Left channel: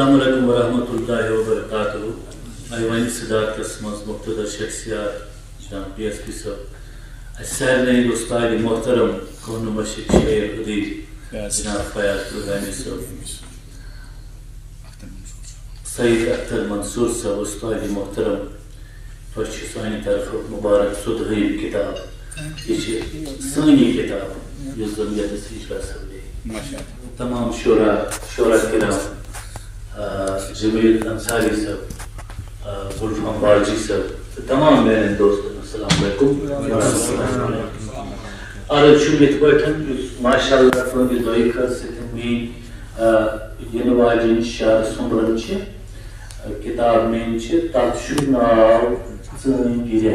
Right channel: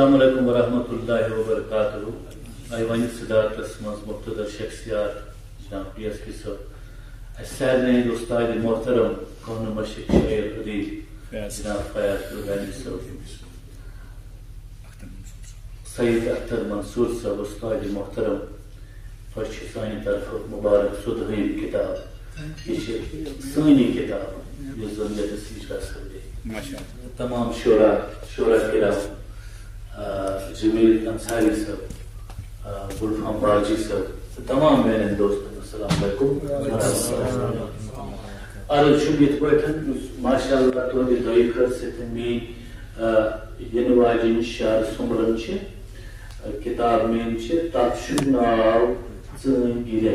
السلام علیکم ورحمۃ اللہ وبرکاتہ. ایوانی صدارت قسمت مقتدر شخصیات جناب پی ایس پی صاحب سارے استاد محترم کون مشق شعر ادیب جناب فیاض الغانی صاحب سعید اختر منصور صاحب استاد محترم تہ سانی طرف مبارک صدہم کتاب یہ سانی کتاب اس ضمیر سیکھا سب تمام شعرا کرام جمیل انصاری صاحب گلفام بالجی صاحب تمام میرے دوستوں السلام علیکم ورحمۃ اللہ. عرض شمت پٹھن ماشاء اللہ فوقی دعی کر سکتے میری واجن شعر سمرن کتاب میں تک ناو ژٲنۍ گِرے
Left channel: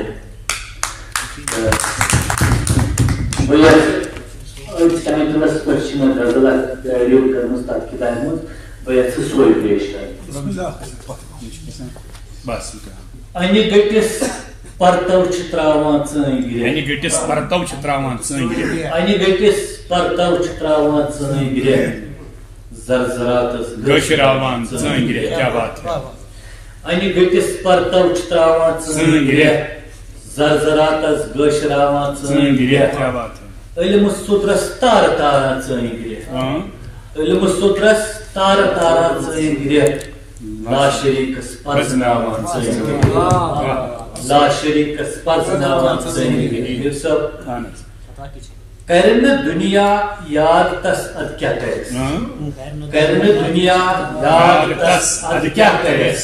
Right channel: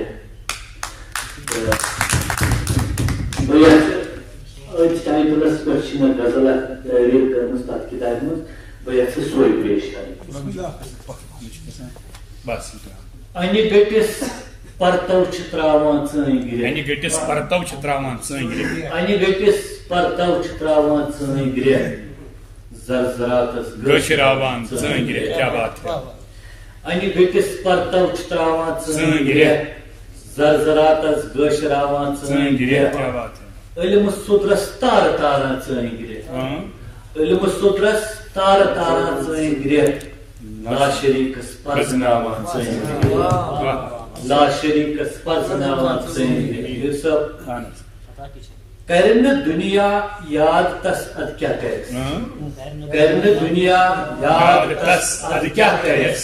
ٹائٹلس پہ غزل ریو کرمز تک کتاب مز بہت سوئی پیش کریں. انہِ گٔٹِس پرتو چھِ تراوان ژٲنۍ گِرے انہِ گٔٹِس پرتو چھِ تراوان ژٲنۍ گِرے زرزراتس گٔشراوان ژٲنۍ گِرے کیا بات ہے. انہِ گٔٹِس پرتو چھِ تراوان ژٲنۍ گِرے زرزراتس گٔشراوان ژٲنۍ گِرے کیا بات ہے. علم سُترس تارٕ تاران ژٲنۍ گِرے علم سُترس تارٕ تاران ژٲنۍ گِرے لاشریٖکس پرزناوان ژٲنۍ گِرے لاشریٖکس پرزناوان ژٲنۍ گِرے. یوسف کر نہٕ دُنیا یاد تس اد کیٛاہ کرٮ۪س کر نہٕ دُنیا یاد تس اد کیٛاہ کرٮ۪س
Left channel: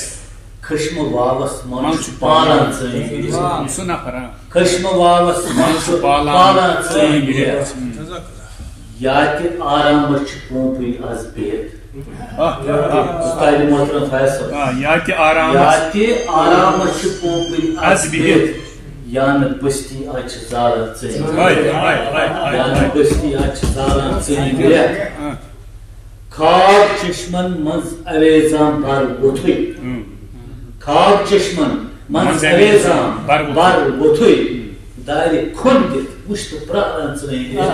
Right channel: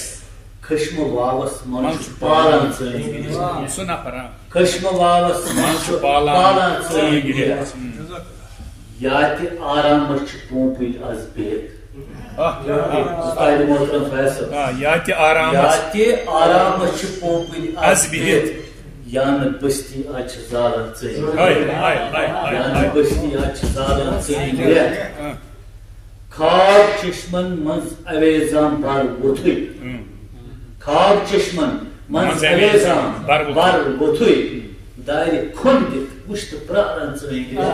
خشمہٕ واوس منٛز چھُ پالان ژٲنۍ گِرے خشمہٕ واوس منٛز چھُ پالان ژٲنۍ گِرے. یا تہِ آرامس چھِ پوٗنٛپٕے آز بِہِتھ استاد محترم فیاض صٲب یا تہِ آرامس چھِ پوٗنٛپٕے آز بِہِتھ یا نہٕ بستی آز چھِ زالان ژٲنۍ یا نہٕ بستی آز چھِ زالان ژٲنۍ گِرے. خواب چشمن منٛز اویزان بر ووٚتھُے خواب چشمن منٛز اویزان بر ووٚتھُے دارِ کھوٚن دِتھ وٕچھ تہٕ پرٛاران ژٲنۍ گِرے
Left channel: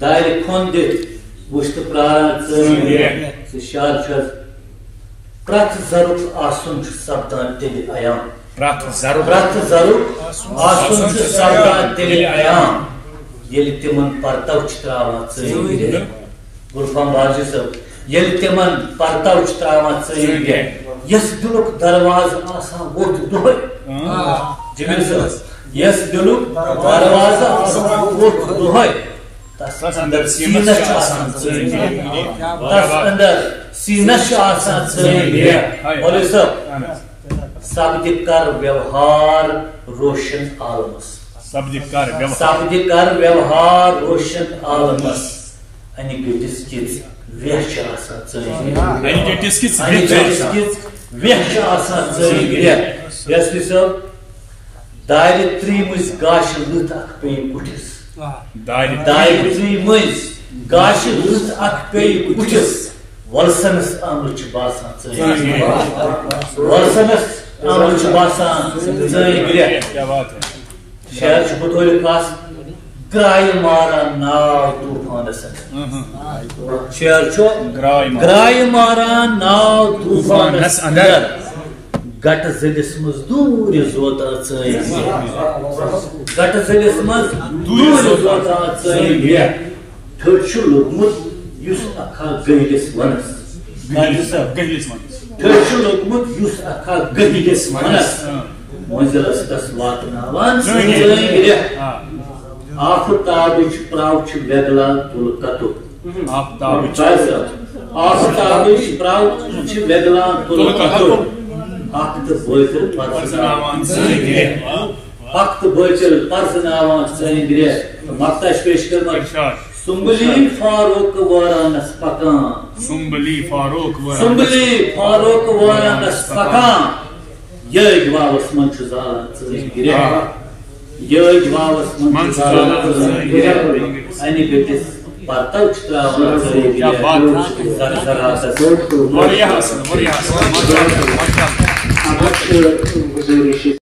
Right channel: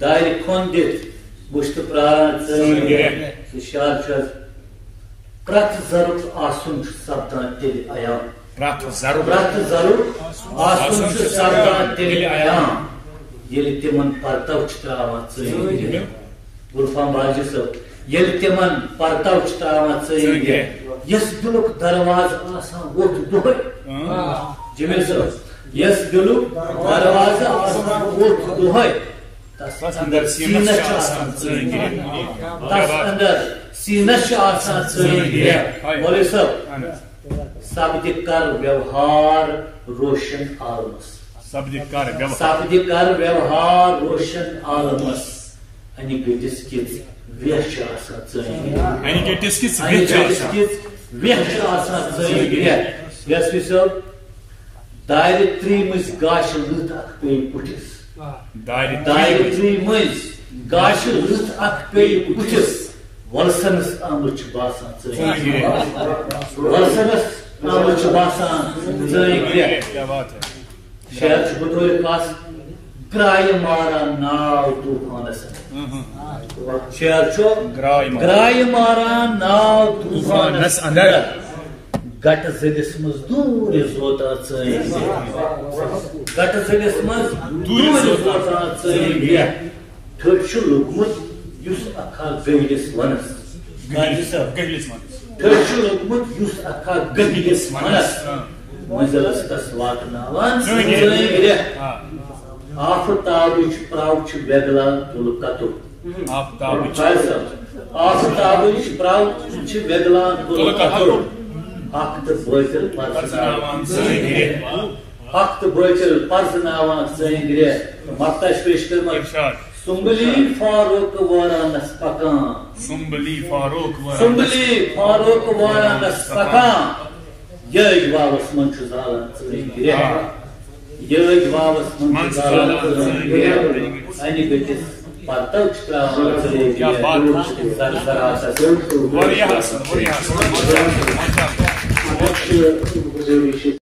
دارِ کھوٚن دِتھ وٕچھ تہٕ پرٛاران ژٲنۍ گِرے. سُہ شعر چھُ حظ پرٛٮ۪تھ ذرُک آسُن چھُ سپدان تیٚلہِ عیام پرٛٮ۪تھ ذرُک آسُن چھُ سپدان تیٚلہِ عیام ییٚلہِ تِمن پرتو چھِ تراوان ژٲنۍ گِرے. گلفام بالجی صٲب ییٚلہِ تِمن پرتو چھِ تراوان ژٲنۍ گِرے یس دلُک دروازٕ آسان ووٚتھ دۄہے جمیل صٲب یس دلُک دروازٕ آسان ووٚتھ دۄہے تس اندر سینس چھُ آسان ژٲنۍ گِرے تس اندر سینس چھُ آسان ژٲنۍ گِرے. مولوی صٲب سپدِ کر ویوہار روشن عالمس سپدِ کر ویوہار روشن عالمس انہِ گٔٹِس کِژھ ویہ چھِ آسان ژٲنۍ گِرے انہِ گٔٹِس کِژھ ویہ چھِ آسان ژٲنۍ گِرے. یس پی صٲب دارِ ترٛیٚیمِس گاشہِ لٕتھ اکھ پیٚیہِ کُٹھِس دارِ ترٛیٚیمِس گاشہِ لٕتھ اکھ پیٚیہِ کُٹھِس ولسنس آمٕژ چھِ باسان ژٲنۍ گِرے ولسنس آمٕژ چھِ باسان ژٲنۍ گِرے. شعر چھُ بطورِ خاص گرایہِ ماران ناو طوٗفانس شعر چھُ گرایہِ ماران ناو طوٗفانس اندر گٹہٕ زٔدِس منٛز دوٗرِ زوتان ژٲنۍ گِرے گٹہٕ زٔدِس منٛز دوٗرِ زوتان ژٲنۍ گِرے. ٹھٔٹ چھُ لوٚگمُت یُس اکھا گٔہلِس ونس ٹھٔٹ چھُ لوٚگمُت یُس اکھا گٔہلِس ونس منزلس تس واتناوان ژٲنۍ گِرے. آفتابٕچ پرٛاو چھِ ویگلان تُلہٕ کتُر آفتابٕچ پرٛاو چھِ ویگلان تُلہٕ کتُر اکھ تہٕ بٲتل پرزناوان ژٲنۍ گِرے اکھ تہٕ بٲتل پرزناوان ژٲنۍ گِرے. مقطع چھِ پیش کرمٕژ سُمبلی فاروق وارانس پکان سُمبلی فاروق وارانس پکان یٲج واوس منٛز چھُ زالان ژٲنۍ گِرے یٲج واوس منٛز چھُ زالان ژٲنۍ گِرے. انہِ گٔٹِس پرتو چھِ تراوان ژٲنۍ گِرے.